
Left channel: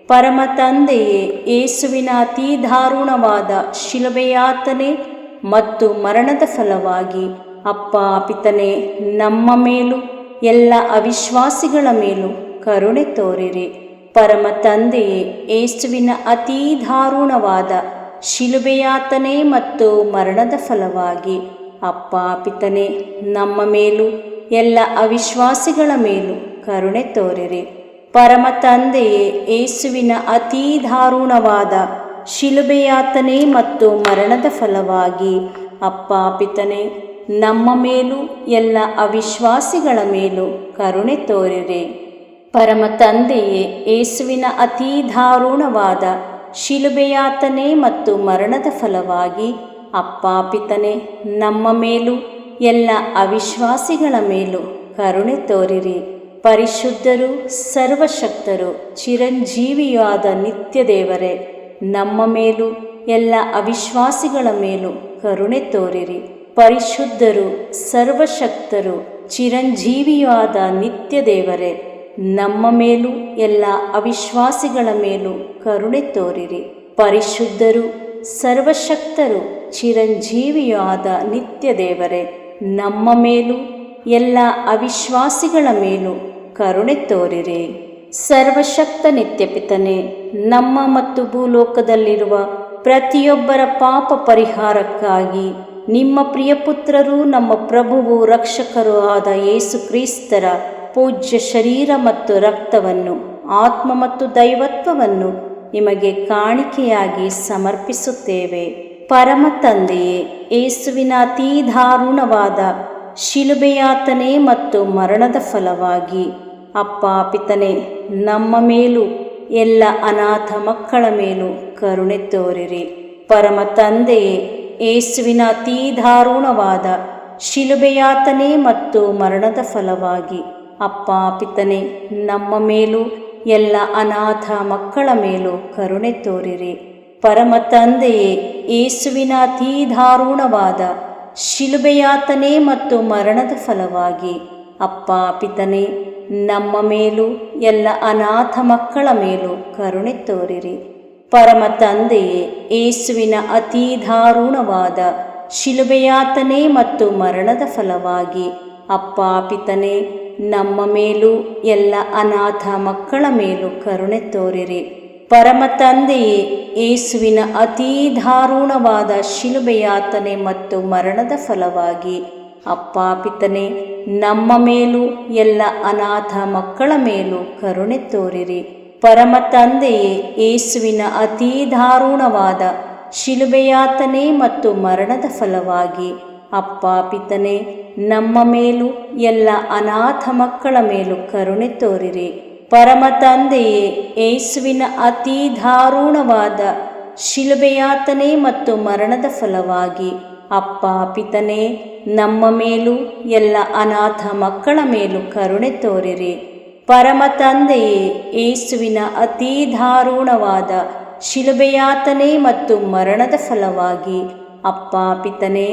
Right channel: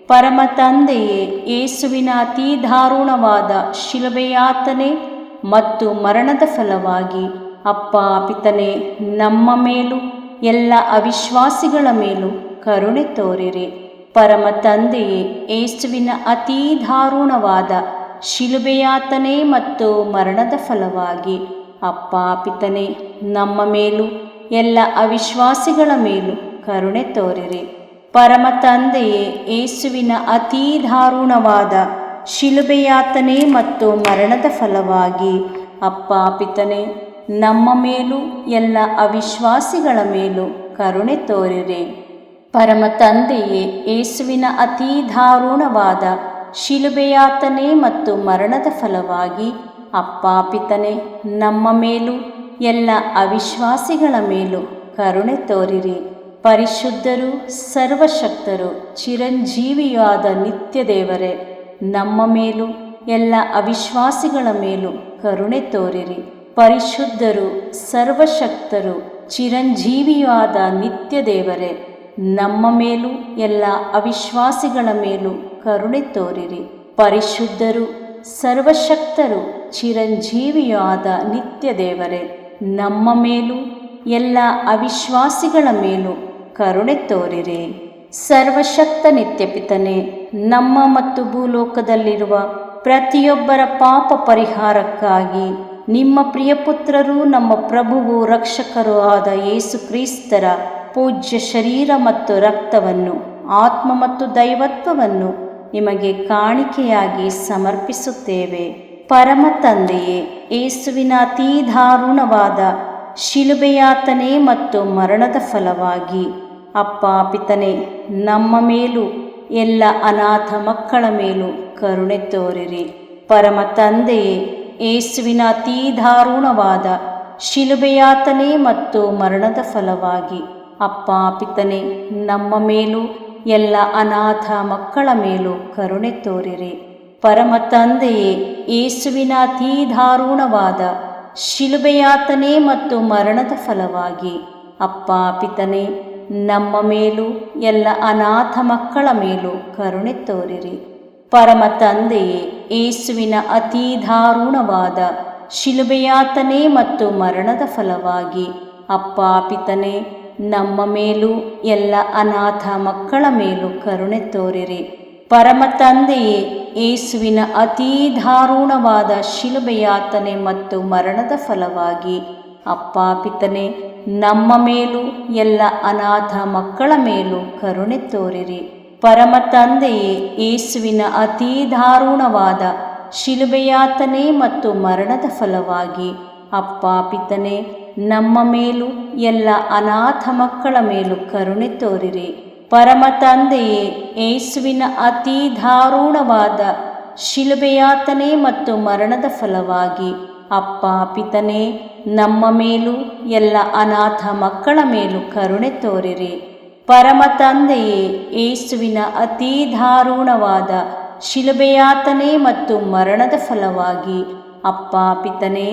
ಪರಮ ತಂದೆಯೇ, ಯೇಸುವಿನ ಅತೀ ದಾರುಣವಾದ ಶಿಲುಬೆಯಾತನೆ ಮತ್ತು ಮರಣದ ಫಲವಾಗಿ ಅಪ್ಪ ಪಿತನೇ, ನಮ್ಮ ಮೇಲೂ ಎಲ್ಲ ಅವಿಶ್ವಾಸಿಗಳ ಮೇಲೂ ಕರುಣೆ ತೋರಿರಿ. ಪರಮ ತಂದೆಯೇ, ಯೇಸುವಿನ ಅತೀ ದಾರುಣವಾದ ಶಿಲುಬೆಯಾತನೆ ಮತ್ತು ಮರಣದ ಫಲವಾಗಿ ಅಪ್ಪ ಪಿತನೇ, ನಮ್ಮ ಮೇಲೂ ಎಲ್ಲ ಅವಿಶ್ವಾಸಿಗಳ ಮೇಲೂ ಕರುಣೆ ತೋರಿರಿ. ಪರಮ ತಂದೆಯೇ, ಯೇಸುವಿನ ಅತೀ ದಾರುಣವಾದ ಶಿಲುಬೆಯಾತನೆ ಮತ್ತು ಮರಣದ ಫಲವಾಗಿ ಅಪ್ಪ ಪಿತನೇ, ನಮ್ಮ ಮೇಲೂ ಎಲ್ಲ ಅವಿಶ್ವಾಸಿಗಳ ಮೇಲೂ ಕರುಣೆ ತೋರಿರಿ. ಪರಮ ತಂದೆಯೇ, ಯೇಸುವಿನ ಅತೀ ದಾರುಣವಾದ ಶಿಲುಬೆಯಾತನೆ ಮತ್ತು ಮರಣದ ಫಲವಾಗಿ ಅಪ್ಪ ಪಿತನೇ, ನಮ್ಮ ಮೇಲೂ ಎಲ್ಲ ಅವಿಶ್ವಾಸಿಗಳ ಮೇಲೂ ಕರುಣೆ ತೋರಿರಿ. ಪರಿಶುದ್ಧರು, ಸರ್ವಶಕ್ತರು, ಚಿರಂಜೀವಿಯಾದ ನಿತ್ಯ ದೇವರೇ, ನಮ್ಮ ಮೇಲೂ ಎಲ್ಲ ಅವಿಶ್ವಾಸಿಗಳ ಮೇಲೂ ಕರುಣೆ ತೋರಿರಿ. ಪರಿಶುದ್ಧರು, ಸರ್ವಶಕ್ತರು, ಚಿರಂಜೀವಿಯಾದ ನಿತ್ಯ ದೇವರೇ, ನಮ್ಮ ಮೇಲೂ ಎಲ್ಲ ಅವಿಶ್ವಾಸಿಗಳ ಮೇಲೂ ಕರುಣೆ ತೋರಿರಿ. ಪರಿಶುದ್ಧರು, ಸರ್ವಶಕ್ತರು, ಚಿರಂಜೀವಿಯಾದ ನಿತ್ಯ ದೇವರೇ, ನಮ್ಮ ಮೇಲೂ ಎಲ್ಲ ಅವಿಶ್ವಾಸಿಗಳ ಮೇಲೂ ಕರುಣೆ ತೋರಿರಿ. ಸರ್ವಶಕ್ತ ನಿತ್ಯಪಿತನೇ, ನಮ್ಮ ಮತ್ತು ಭೂಲೋಕದಲ್ಲಿರುವ ಪ್ರತಿಯೊಬ್ಬರ ಪಾಪ ಪರಿಹಾರಕ್ಕಾಗಿ ನಿಮ್ಮ ಪ್ರಿಯಪುತ್ರರು, ನಮ್ಮ ಪ್ರಭುವು ರಕ್ಷಕರೂ ಆದ ಯೇಸು ಕ್ರಿಸ್ತರ ಪೂಜ್ಯ ಶರೀರ ಮತ್ತು ರಕ್ತವನ್ನು, ಆತ್ಮ ಮತ್ತು ದೈವತ್ವವನ್ನು ನಿಮಗೆ ಕಾಣಿಕೆಯಾಗಿ ಸಮರ್ಪಿಸುತ್ತೇವೆ. ಪರಮ ತಂದೆಯೇ, ಯೇಸುವಿನ ಅತೀ ದಾರುಣವಾದ ಶಿಲುಬೆಯಾತನೆ ಮತ್ತು ಮರಣದ ಫಲವಾಗಿ ಅಪ್ಪ ಪಿತನೇ, ನಮ್ಮ ಮೇಲೂ ಎಲ್ಲ ಅನಾಥ ಮಕ್ಕಳ ಮೇಲೂ ಕರುಣೆ ತೋರಿರಿ. ಪರಮ ತಂದೆಯೇ, ಯೇಸುವಿನ ಅತೀ ದಾರುಣವಾದ ಶಿಲುಬೆಯಾತನೆ ಮತ್ತು ಮರಣದ ಫಲವಾಗಿ ಅಪ್ಪ ಪಿತನೇ, ನಮ್ಮ ಮೇಲೂ ಎಲ್ಲ ಅನಾಥ ಮಕ್ಕಳ ಮೇಲೂ ಕರುಣೆ ತೋರಿರಿ. ಪರಮ ತಂದೆಯೇ, ಯೇಸುವಿನ ಅತೀ ದಾರುಣವಾದ ಶಿಲುಬೆಯಾತನೆ ಮತ್ತು ಮರಣದ ಫಲವಾಗಿ ಅಪ್ಪ ಪಿತನೇ, ನಮ್ಮ ಮೇಲೂ ಎಲ್ಲ ಅನಾಥ ಮಕ್ಕಳ ಮೇಲೂ ಕರುಣೆ ತೋರಿರಿ. ಪರಮ ತಂದೆಯೇ, ಯೇಸುವಿನ ಅತೀ ದಾರುಣವಾದ ಶಿಲುಬೆಯಾತನೆ ಮತ್ತು ಮರಣದ ಫಲವಾಗಿ ಅಪ್ಪ ಪಿತನೇ, ನಮ್ಮ ಮೇಲೂ ಎಲ್ಲ ಅನಾಥ ಮಕ್ಕಳ ಮೇಲೂ ಕರುಣೆ ತೋರಿರಿ. ಪರಮ ತಂದೆಯೇ, ಯೇಸುವಿನ ಅತೀ ದಾರುಣವಾದ ಶಿಲುಬೆಯಾತನೆ ಮತ್ತು ಮರಣದ ಫಲವಾಗಿ ಅಪ್ಪ ಪಿತನೇ, ನಮ್ಮ ಮೇಲೂ ಎಲ್ಲ ಅನಾಥ ಮಕ್ಕಳ ಮೇಲೂ ಕರುಣೆ ತೋರಿರಿ. ಪರಮ ತಂದೆಯೇ, ಯೇಸುವಿನ ಅತೀ ದಾರುಣವಾದ ಶಿಲುಬೆಯಾತನೆ ಮತ್ತು ಮರಣದ ಫಲವಾಗಿ ಅಪ್ಪ ಪಿತನೇ, ನಮ್ಮ ಮೇಲೂ ಎಲ್ಲ ಅನಾಥ ಮಕ್ಕಳ ಮೇಲೂ ಕರುಣೆ ತೋರಿರಿ. ಪರಮ ತಂದೆಯೇ, ಯೇಸುವಿನ ಅತೀ ದಾರುಣವಾದ ಶಿಲುಬೆಯಾತನೆ ಮತ್ತು ಮರಣದ ಫಲವಾಗಿ ಅಪ್ಪ ಪಿತನೇ, ನಮ್ಮ ಮೇಲೂ ಎಲ್ಲ ಅನಾಥ ಮಕ್ಕಳ ಮೇಲೂ ಕರುಣೆ ತೋರಿರಿ. ಪರಮ ತಂದೆಯೇ, ಯೇಸುವಿನ ಅತೀ ದಾರುಣವಾದ ಶಿಲುಬೆಯಾತನೆ ಮತ್ತು ಮರಣದ ಫಲವಾಗಿ ಅಪ್ಪ ಪಿತನೇ,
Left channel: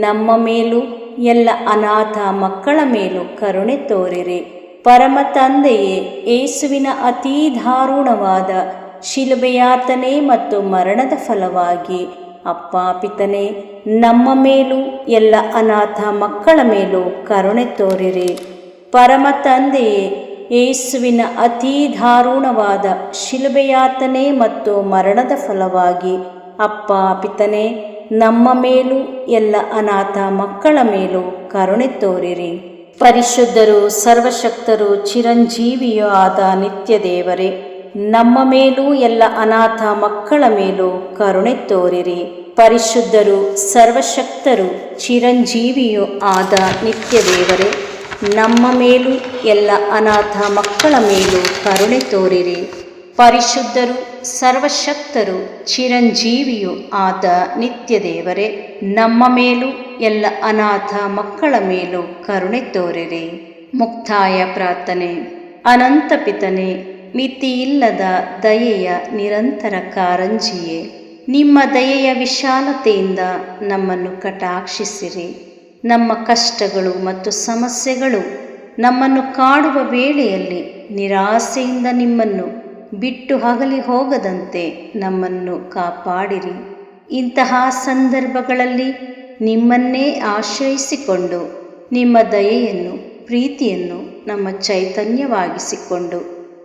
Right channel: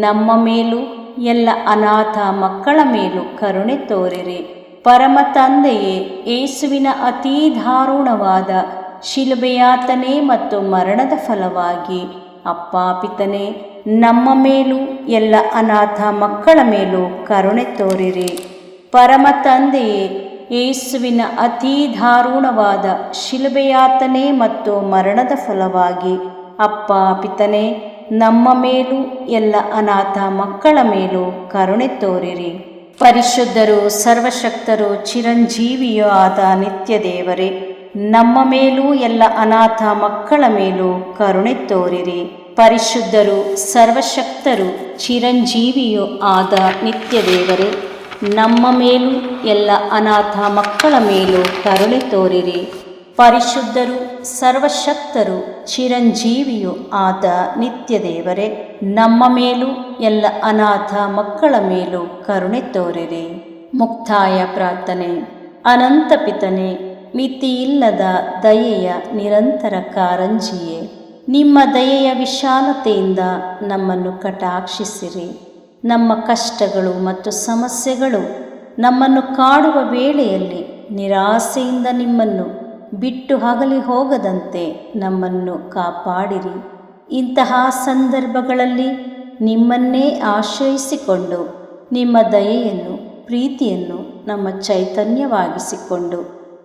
ನಮ್ಮ ಮೇಲೂ ಎಲ್ಲ ಅನಾಥ ಮಕ್ಕಳ ಮೇಲೂ ಕರುಣೆ ತೋರಿರಿ. ಪರಮ ತಂದೆಯೇ, ಯೇಸುವಿನ ಅತೀ ದಾರುಣವಾದ ಶಿಲುಬೆಯಾತನೆ ಮತ್ತು ಮರಣದ ಫಲವಾಗಿ ಅಪ್ಪ ಪಿತನೇ, ನಮ್ಮ ಮೇಲೂ ಎಲ್ಲ ಅನಾಥ ಮಕ್ಕಳ ಮೇಲೂ ಕರುಣೆ ತೋರಿರಿ. ಪರಮ ತಂದೆಯೇ, ಯೇಸುವಿನ ಅತೀ ದಾರುಣವಾದ ಶಿಲುಬೆಯಾತನೆ ಮತ್ತು ಮರಣದ ಫಲವಾಗಿ ಅಪ್ಪ ಪಿತನೇ, ನಮ್ಮ ಮೇಲೂ ಎಲ್ಲ ಅನಾಥ ಮಕ್ಕಳ ಮೇಲೂ ಕರುಣೆ ತೋರಿರಿ. ಪರಿಶುದ್ಧರು, ಸರ್ವಶಕ್ತರು, ಚಿರಂಜೀವಿಯೂ ಆದ ನಿತ್ಯ ದೇವರೇ, ನಮ್ಮ ಮೇಲೂ ಎಲ್ಲ ಅನಾಥ ಮಕ್ಕಳ ಮೇಲೂ ಕರುಣೆ ತೋರಿರಿ. ಪರಿಶುದ್ಧರು, ಸರ್ವಶಕ್ತರು, ಚಿರಂಜೀವಿಯೂ ಆದ ನಿತ್ಯ ದೇವರೇ, ನಮ್ಮ ಮೇಲೂ ಎಲ್ಲ ಅನಾಥ ಮಕ್ಕಳ ಮೇಲೂ ಕರುಣೆ ತೋರಿರಿ. ಪರಿಶುದ್ಧರು, ಸರ್ವಶಕ್ತರು, ಚಿರಂಜೀವಿಯೂ ಆದ ನಿತ್ಯ ದೇವರೇ, ನಮ್ಮ ಮೇಲೂ ಎಲ್ಲ ಅನಾಥ ಮಕ್ಕಳ ಮೇಲೂ ಕರುಣೆ ತೋರಿರಿ. ಮುಕ್ತಾಯ ಪ್ರಾರ್ಥನೆ. ಅನಂತ ಪಿತನೇ, ಮಿತಿಯಿಲ್ಲದ ದಯೆಯ ನಿರಂತರ ಕಾರಂಜಿಯೇ, ನಿಮ್ಮ ದಯೆಯ ವಿಶಾಲತೆಯಿಂದ ನಮ್ಮನ್ನು ಕಟಾಕ್ಷಿಸಿರಿ. ನಮ್ಮ ಕಷ್ಟಗಳು ಮತ್ತು ಸಮಸ್ಯೆಗಳು ನಮ್ಮನ್ನು ಕಾಡುವ ವೇಳೆಯಲ್ಲಿ ನಿರಾಸೆಯಿಂದ ನಿಮ್ಮನ್ನು ಬಿಟ್ಟು ಅಗಲಿ ಹೋಗದಂತೆ ನಮ್ಮನ್ನು ಕಾಪಾಡಿರಿ. ಇಂತಹ ಸಂದರ್ಭಗಳಲ್ಲಿ ನಿಮ್ಮನ್ನೇ ಆಶ್ರಯಿಸಿಕೊಂಡು ನಿಮ್ಮ ದಯೆಯನ್ನು, ಪ್ರೀತಿಯನ್ನು ನಮ್ಮ ಚೈತನ್ಯವಾಗಿಸಿಕೊಂಡು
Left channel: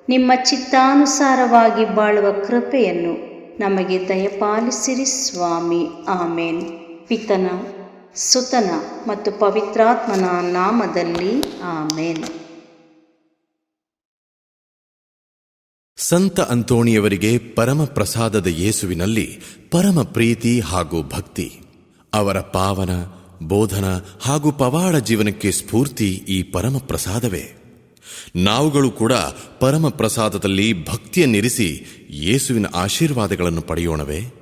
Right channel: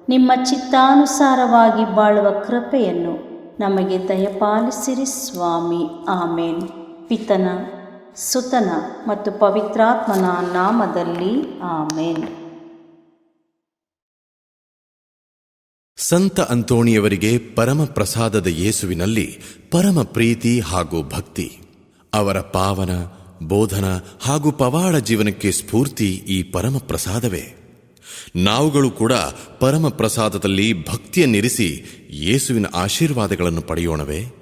ನಿಮ್ಮ ಚಿತ್ತಾನುಸಾರವಾಗಿ ಬಾಳುವ ಕೃಪೆಯನ್ನು ನಮಗೆ ದಯಪಾಲಿಸಿರಿ ಸ್ವಾಮಿ. ಆಮೇನ್. ಪಿತನ, ಸುತನ ಮತ್ತು ಪವಿತ್ರಾತ್ಮನ ನಾಮದಲ್ಲಿ ಆಮೇನ್. ಸಂತ ಅಂತೋಣಿಯವರಿಗೆ ಪರಮ ಪ್ರಸಾದದ ಯೇಸುವಿನಲ್ಲಿ ಪರಮ ಪ್ರೀತಿ ಹಾಗೂ ಭಕ್ತಿ. ಅವರ ಪಾವನ ಬೋಧನ ಹಾಗೂ ಪವಾಡ ಜೀವನಕ್ಕೆ ಸ್ಫೂರ್ತಿ ಈ ಪರಮ ಪ್ರಸಾದವೇ. ನಾವುಗಳು ಕೂಡ ಪರಮ ಪ್ರಸಾದದಲ್ಲಿ ಭಕ್ತಿಯನ್ನಿರಿಸಿ ಯೇಸುವಿನ ಆಶೀರ್ವಾದಗಳನ್ನು ಪಡೆಯೋಣವೇ?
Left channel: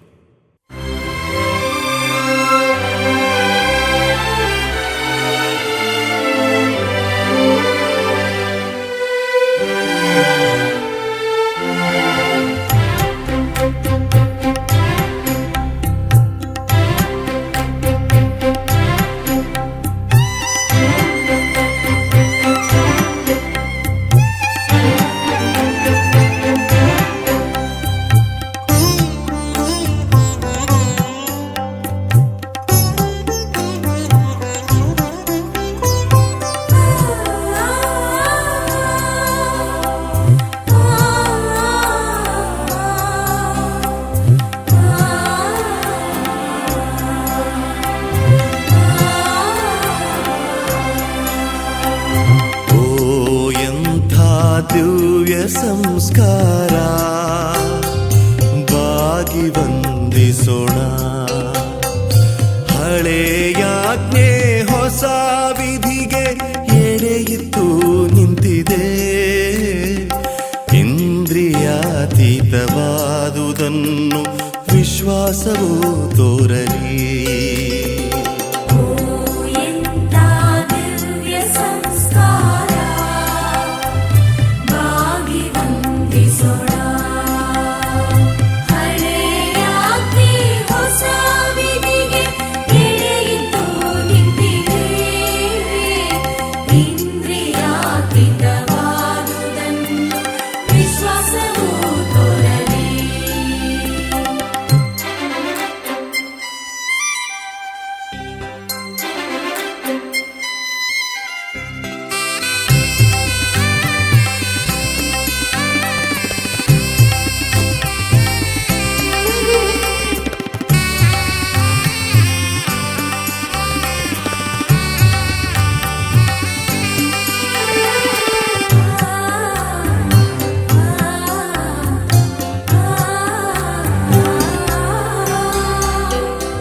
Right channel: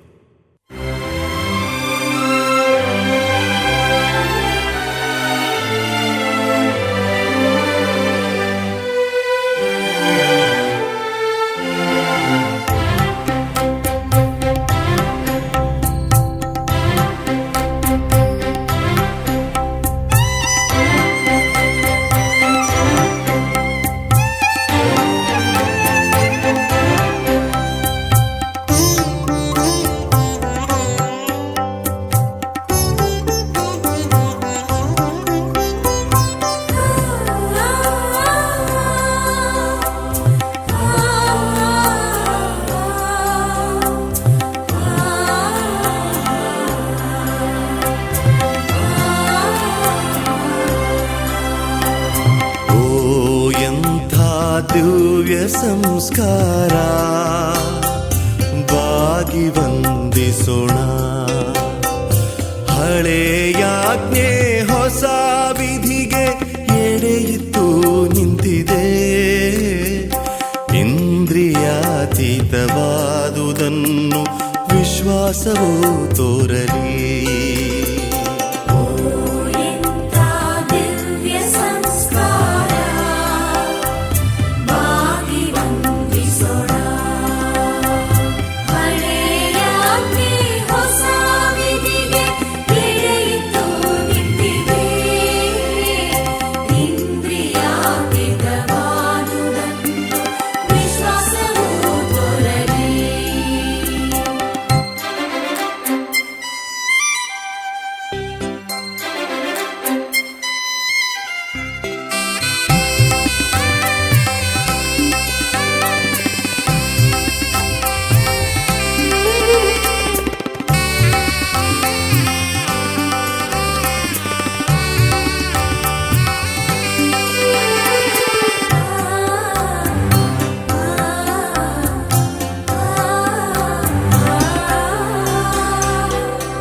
ದಿವ್ಯ ಸಂಸ್ಕಾರ ಬಾಗಿ ವಂದಿಸೋಣ. ಹಳೆಯಾಜ್ಞೆ ಹೊಸ ವಿಧಿಗೆ ಎಡೆಯಿತ್ತು ನಿಂತಿದೆ. ಇಂದ್ರಿಯಾತೀತವಾದುದನ್ನು ವಿಶ್ವಾಸವು ತೋರಲಿ.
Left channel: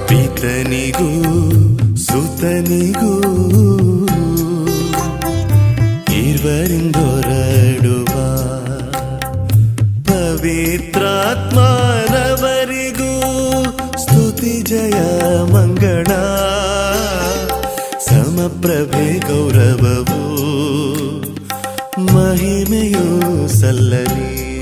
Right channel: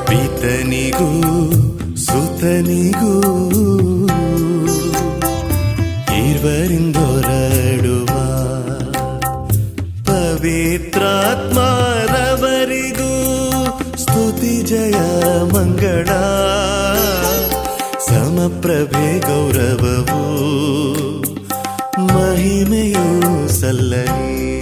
ಪಿತನಿಗೂ ಸುತನಿಗೂ ಇರುವರಿಂದೊರಡುವ ಪವಿತ್ರಾತ್ಮರವರಿಗೂ ಸ್ತುತಿ ಜಯ ಮಂಗಳ. ಸಮಪ್ರಭೆ ಗೌರವವು ಮಹಿಮೆಯೂ ಸಲ್ಲಲಿ.